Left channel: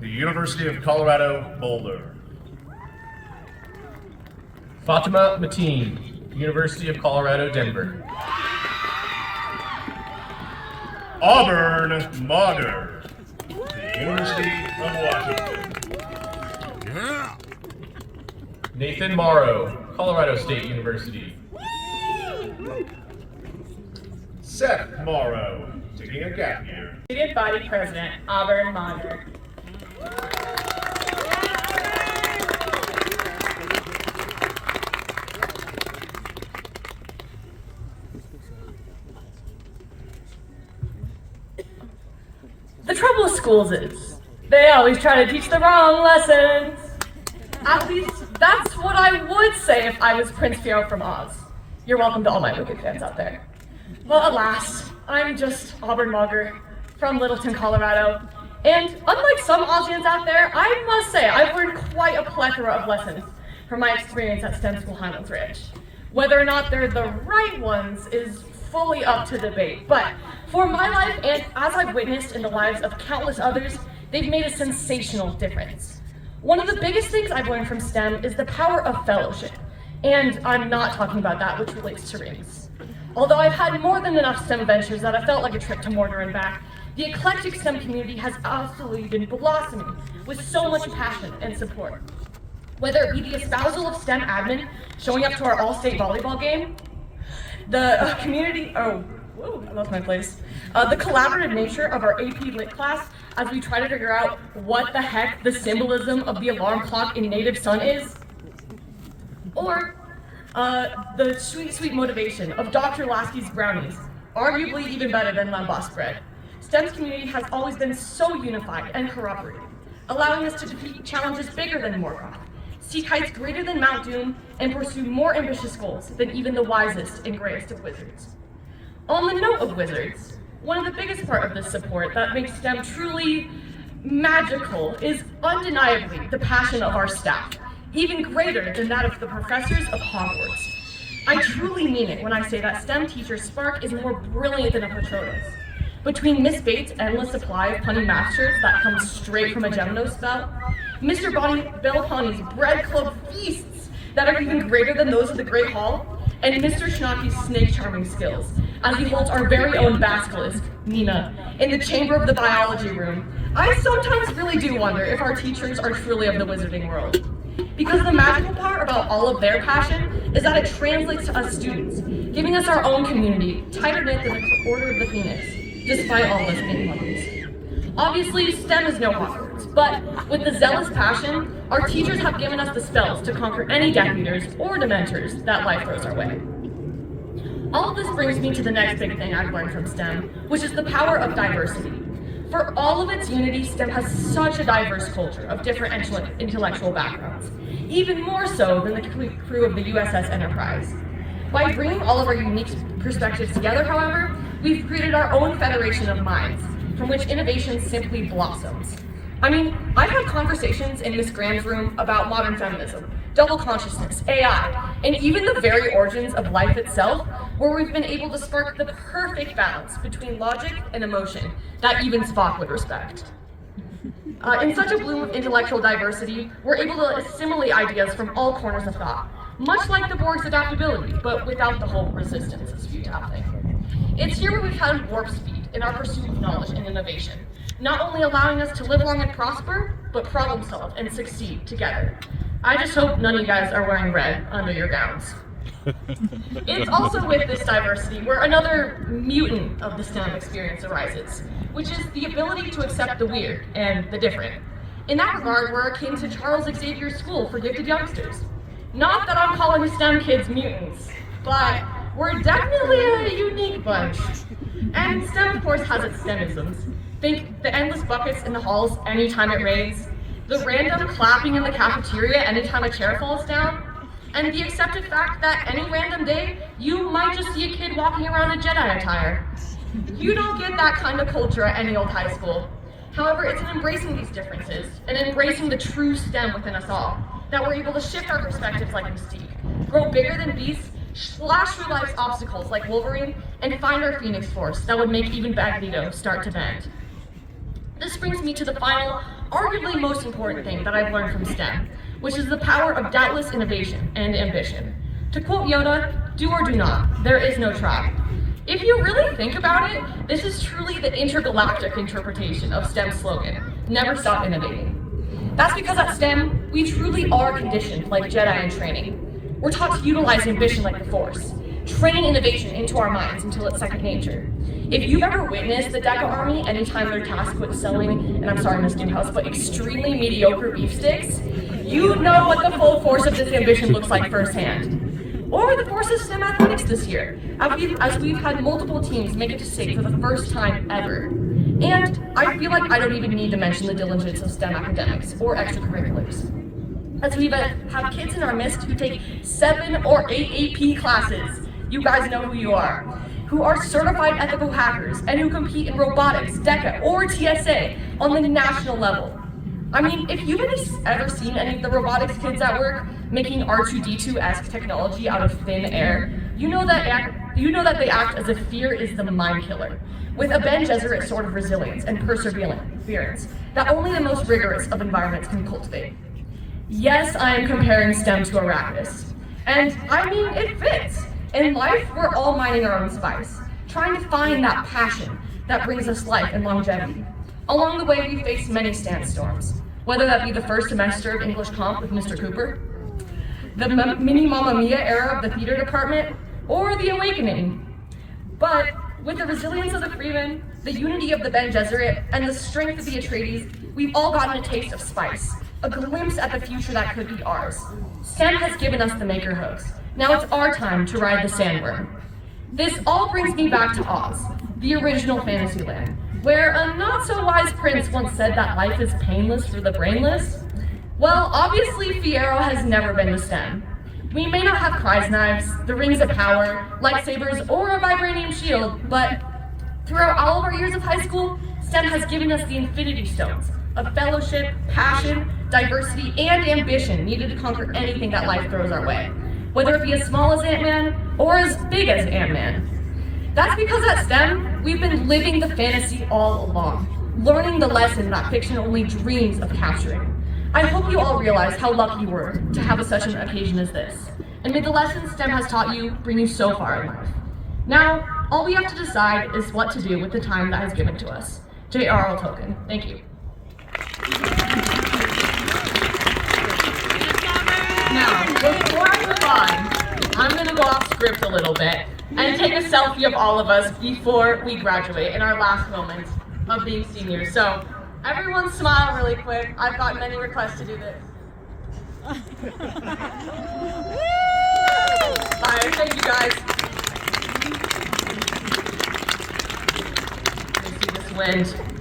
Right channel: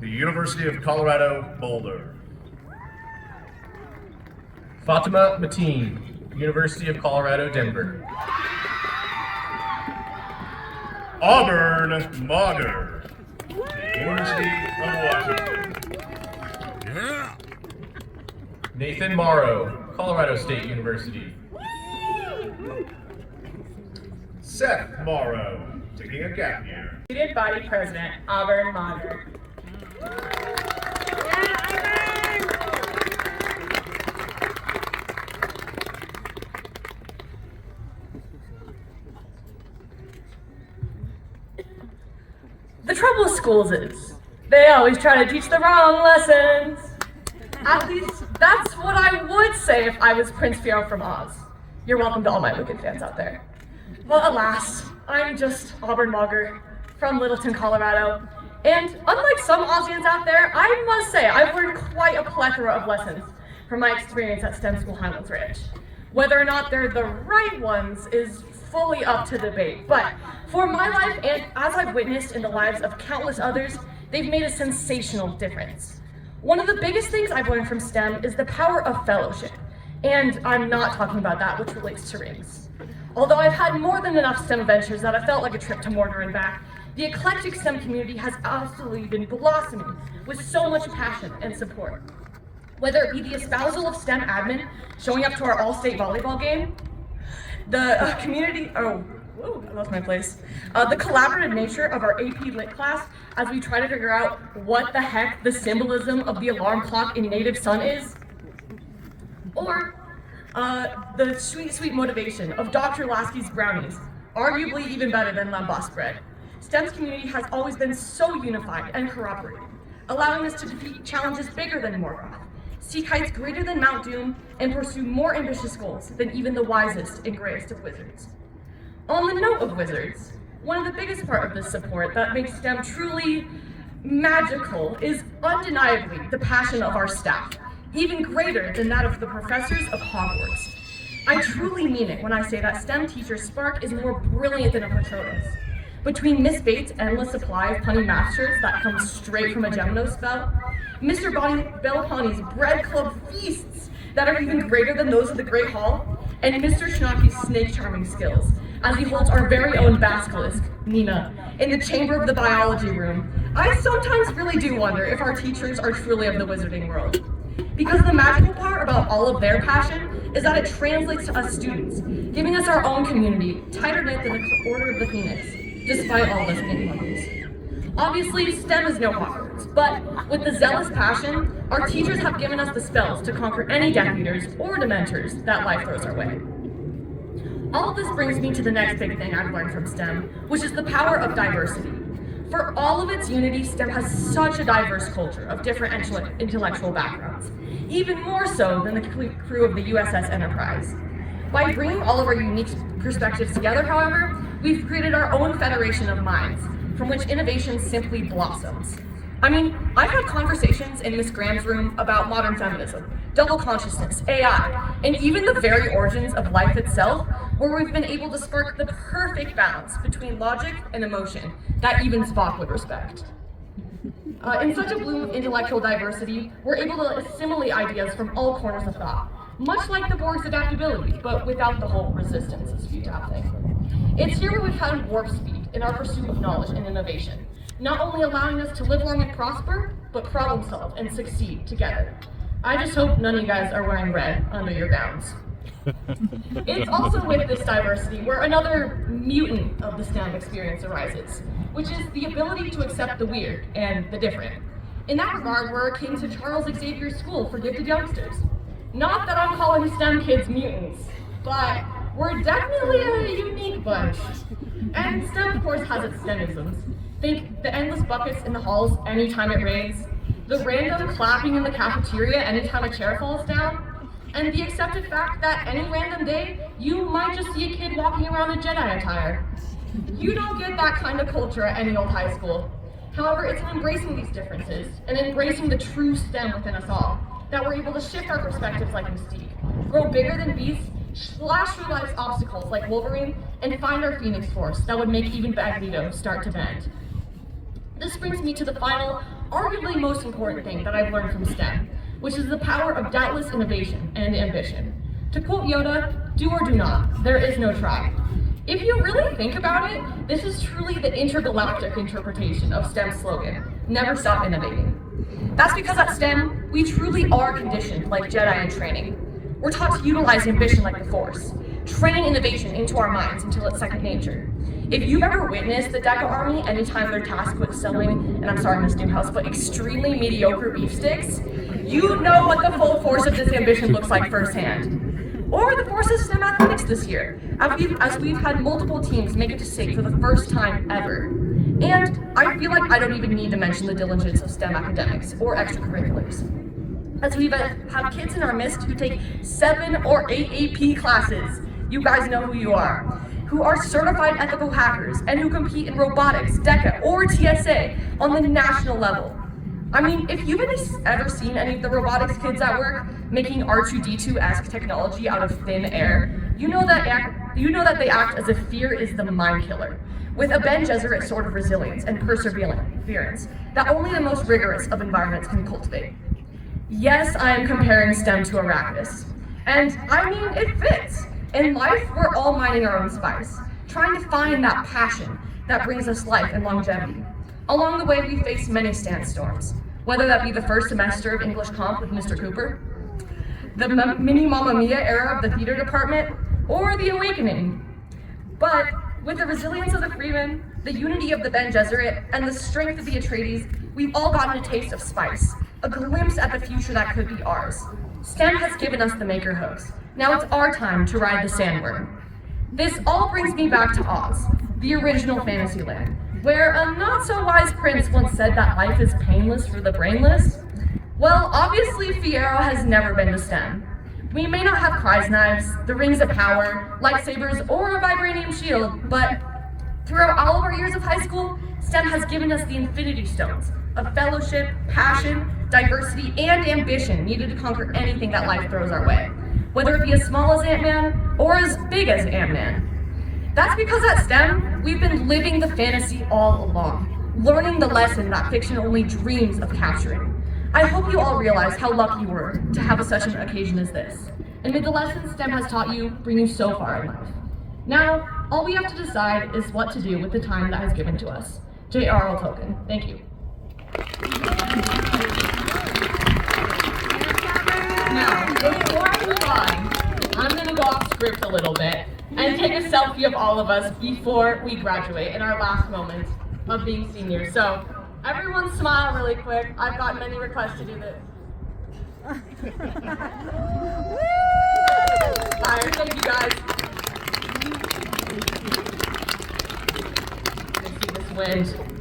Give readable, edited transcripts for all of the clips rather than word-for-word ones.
the University of Colorado, Boulder. Fatima Mateen, University of Colorado, Denver. Auburne Mater, the University of Washington. Yeah. Nathan Morrow, Colorado State University. Seth Morrow, taking a gap year. Student Body President, Auburn Mater. The trouble with schools is, they always try to teach the wrong lessons. At least, that's what I would say if I was Prince Fiero from Oz. You're welcome to all my Wicked fans out there. Well, alas, I'm just Auburn Mater from Littleton, Colorado. And unlike some Ozians out there, I must say I've learned quite a plethora of lessons from my experience at STEM School Highlands Ranch. Whether or not they're the right ones is fully up to debate, but for my life and as I've witnessed in the lives of countless others, they've made a sensational difference. One of the biggest things I've learned from STEM is the power of fellowship, and I'm not talking about that which relates to rings. Although I've had more than enough STEM adventures that have felt like a trip to Mortar and back, the eclectic STEM community has absolutely been blossoming with so much passion and support. Whether it be the espousal of STEM admin showing up to our all-state volleyball game, the community, I lost my place. The collaborative nature of our AP Lit class as we try to figure out what the heck the symbolism of the alarm clock in native sun is. Or the sweet, sweet motivation of Dr. Lasky's brownies, arguably even better than non-boss bread. STEM's community has always been so unified and cooperative, allowing us to defeat challenges bigger than Morgoth, seek heights greater than Mount Doom, and pursue more ambitious goals than even the wisest and greatest of wizards. On the note of wizards, one of the biggest part of this support that makes STEM truly magical is undeniably the passion of our staff, even greater than that of the professors of Hogwarts. I truly mean it when I say that STEM teacher Spark is more brilliant than a Patronus. Between Miss Bates' endless supply of punny math shirts that comes straight from a Gemino spout, Mr. Belponi's bread club feasts that are even greater than those of the Great Hall, and Mr. Schnocky's snake charming skills, as he holds our very own basilisk, Nina, in the chamber of the biology room, I sometimes really do wonder if our teachers are truly of the wizarding world. Because the magical part about all of their passion is that it translates to us students, giving us our own community, tighter knit than the Order of the Phoenix, despite all this ignorance. Obviously, STEM is no Hogwarts, but with the zealous passion, our teachers have given us the spells to conquer any Death Eaters or Dementors that life throws our way. All of this brings me to the next big thing I've learned from STEM, which is the power of diversity. For all of its unity, STEM has such a diverse culture of different intellectual backgrounds, even more so than the crew of the USS Enterprise. By bringing all of our unique perspectives together, however, we've created our own federation of minds, from which innovation simply blossoms. I mean, I've had conversations in Miss Graham's room about modern feminism, double consciousness, AI, and even the very origins of life itself, where we've been able to spark the perfect balance between logic and emotion that even Spock would respect. In such a bloom of intellectual diversity, we're able to assimilate ideas from all corners of thought, much like the Borg's adaptability, but without the whole resistance of speed tapping. It's here where we've found warp speed in our pursuit of knowledge and innovation, not only allowing us to live long and prosper, but problem solve and succeed together. I just hope none of you guys are wearing red under your gowns. It's also with this diversity where another mutant of the STEM experience arises, which is the ability to accept the weird and the different. In that regard, we're akin to Charles Xavier's School for Gifted Youngsters. Not that I'm calling STEM kids mutants, but we're definitely a unique bunch. And STEM, of course, has its STEMisms. Think the endless buckets in the halls anytime it rains, the random clapping in the cafeteria anytime a chair falls down, and the accepted fact that any random day, you might just see a kid walking around in Jedi attire. You don't get that kind of culture at any old high school. However, it's in embracing these differences, and embracing the true STEM within us all, that we're able to shift our perspectives like Mystique, grow bigger than beasts, slash through life's obstacles like Wolverine, and find our Phoenix Force that would make even Magneto start to bend. This brings me to the final, arguably most important thing that I've learned from STEM, which is the power of doubtless innovation and ambition. To quote Yoda, do or do not, there is no try. If you really think about it, this is truly the intergalactic interpretation of STEM's slogan, never stop innovating. That's because at STEM, we truly are conditioned like Jedi in training. We're taught to utilize ambition like the Force, train innovation into our minds until it's second nature. If you've ever witnessed the DECA Army anytime they're tasked with selling, and I'm sorry Miss Newhouse, but extremely mediocre beef sticks, you know what the full force of this ambition looks like firsthand. Or the Force's STEM athletics this year, as we've had multiple teams make it to state for the first time ever. And I feel like I don't even need to mention the diligence of STEM academics or extracurriculars. As we've had kids in our midst who take 7 or 8 AP classes, you guys know who you are, who are certified ethical hackers and who compete in robotics, DECA, or TSA on the national level. I mean, if you've ever seen any of the robotics kids at work making R2-D2-esque technology out of thin air, you know that they act as if fear is the mind killer, with a Ben Gesserit sort of resilience and perseverance that only the most rigorous of environments can cultivate. Yes, I am comparing STEM to Arrakis, and I mean, it fits. In life, we're all mining our own spice, trying to find that passion that brings us life and longevity. Along the way, we face many sandstorms, whether that be the first semester of English Comp with Mr. Cooper, the mini Mamma Mia era of the theater department, or the awakening. But with the resilience of the Freeman, the unity of the Ben Gesserit, and the strength of the Atreides, we've all gotten a taste of spice, a glimpse at the future that could be ours. STEM has given us the maker hooks. Now it's our time to ride the sandworm. This all brings me back to Oz, the original fantasy land, where a not-so-wise prince once said that life is painless for the brainless. Well, obviously Fiero has never been to STEM. We may not have prize knives, the rings of power, lightsabers, or a vibranium shield, but throughout all of our years of high school, STEM has given us the Infinity Stones of fellowship, passion, diversity, and ambition needed to conquer anything that life throws our way, whether it be as small as Ant-Man or as big as Ant-Man. That's because at STEM, we've been living the fantasy all along, learning the lesson that fiction only dreams of capturing. I hope you all realize how lucky you were to have such an occasion as this, and may the lessons STEM has taught you bring you so far in life. Now, all we have to decide is what to do with the time that has given to us. J.R.R. Tolkien. Thank you. Now, before I move on, I'm going to go off script a little bit and take a selfie of all of us before we graduate in our last moments of being seniors. So, everyone smile really quick. I've got many requests to do this. Alright, thank you guys. Let's see this wind.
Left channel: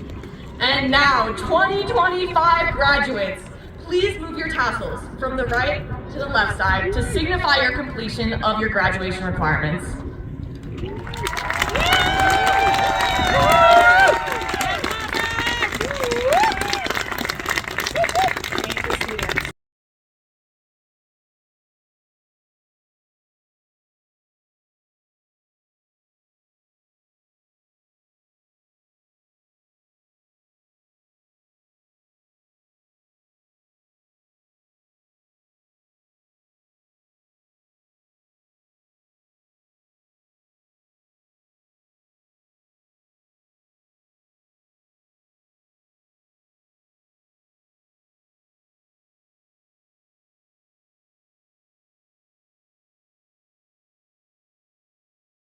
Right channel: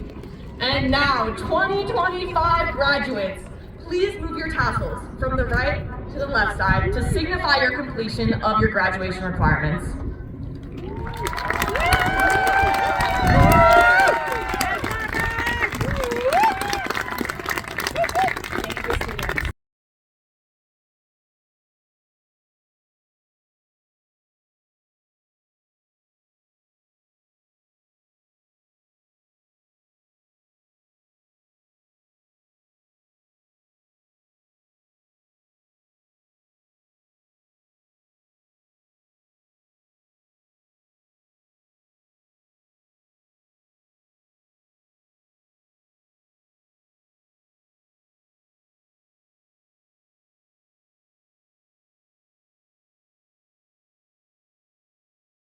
And now, 2025 graduates, please move your tassels from the right to the left side to signify your completion of your graduation requirements.